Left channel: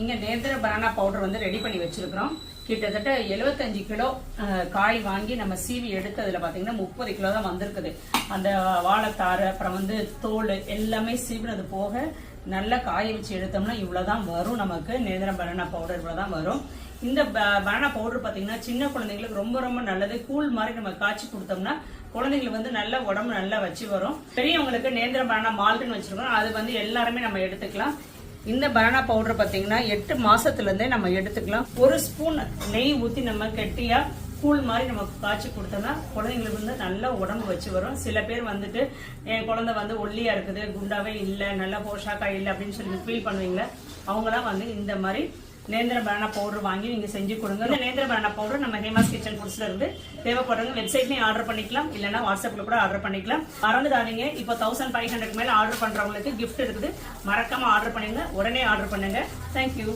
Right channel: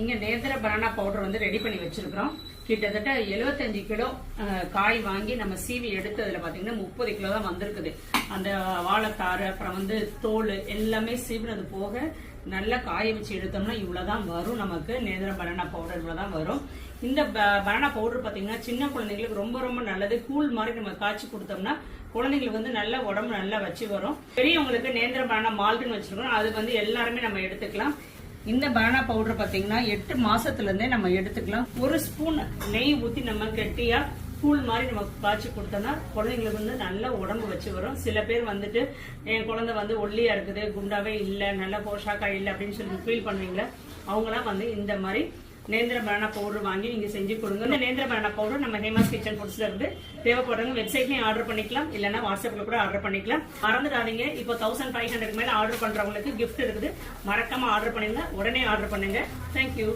இங்கே நேந்திர banana powder வந்து ரெடி பண்ணி வச்சிருக்கிறோம். கிட்டத்தட்ட 75 கிலோ காய் வாங்கி நம்ம சீவி எடுத்ததில் பார்த்தீங்கன்னா முப்பது கிலோ தான் வந்திருக்குது. அந்த வாழைத்தாறு அப்புறம் வந்து தோல் எல்லாமே சீவினது போக நல்லா காய வச்சு எடுத்தோம்னா இவ்வளவுதான் வரும் நமக்கு. நேந்திர பனானா பவுடர் இவ்வளவுதான் வரும். இந்த பனானா பவுடர் பார்த்தீங்கன்னா சின்ன குழந்தைங்களுக்கு ரொம்ப ரொம்ப நல்லது. கூழ் மாதிரி நம்ம காய்ச்சி கொடுத்தோம்னா குழந்தைங்களுக்கு வந்து நல்ல உடம்பு நல்லா வச்சு வரும். பெரியவங்களுக்கு நேந்திர பனானா மால்ட்டுன்னு வச்சுருக்கோம். அது வந்து எல்லாருமே நம்ம எடுத்துக்கலாம். இந்த பனானா பவுடர் பார்த்தீங்கன்னா எட்டு மாசத்துலேருந்தே நம்ம எடுத்துக்கலாம். ஒரு ஸ்பூன் நெய் ஊற்றி நம்ம கெட்டியாக கூழ் மாதிரி நம்ம காய்ச்சி கொடுத்தோம்னா குழந்தைங்களுக்கு வந்து நல்ல உடம்பு வச்சு வரும். சில பேர் வந்துட்டு என் குழந்தை வந்து ஒல்லியா இருக்குது குண்டாவே இல்லை நல்ல போஷாக்கா இல்லை அப்படின்னு சொல்லி ஃபீல் பண்ணுவீங்களா அவங்களாம் வந்து இந்த மாதிரி நேந்திர பனானா பவுடர் வாங்கி நீங்க செஞ்சு கொடுங்க. இந்த நேந்திர பனானா பவுடர் நம்ம ஹேமாஸ் கிச்சன் ஃபுட்ஸ்ல இருந்து தேவைப்படுறவங்க வெப்சைட்லயும் ஆர்டர் பண்ணிக்கலாம். இல்லைன்னா வாட்ஸ்அப்ல கூட ஆர்டர் பண்ணிக்கலாம். மறந்துடாதீங்க. இப்போ தௌசண்ட் ஃபைவ் ஹண்ட்ரட் மேல ஆர்டர் பண்றவங்களுக்கு கிஃப்ட் இருக்குது. மறக்காம ஆர்டர் பண்ணுங்க உடனே ஆர்டர் பண்ணுங்க. தேங்க்யூ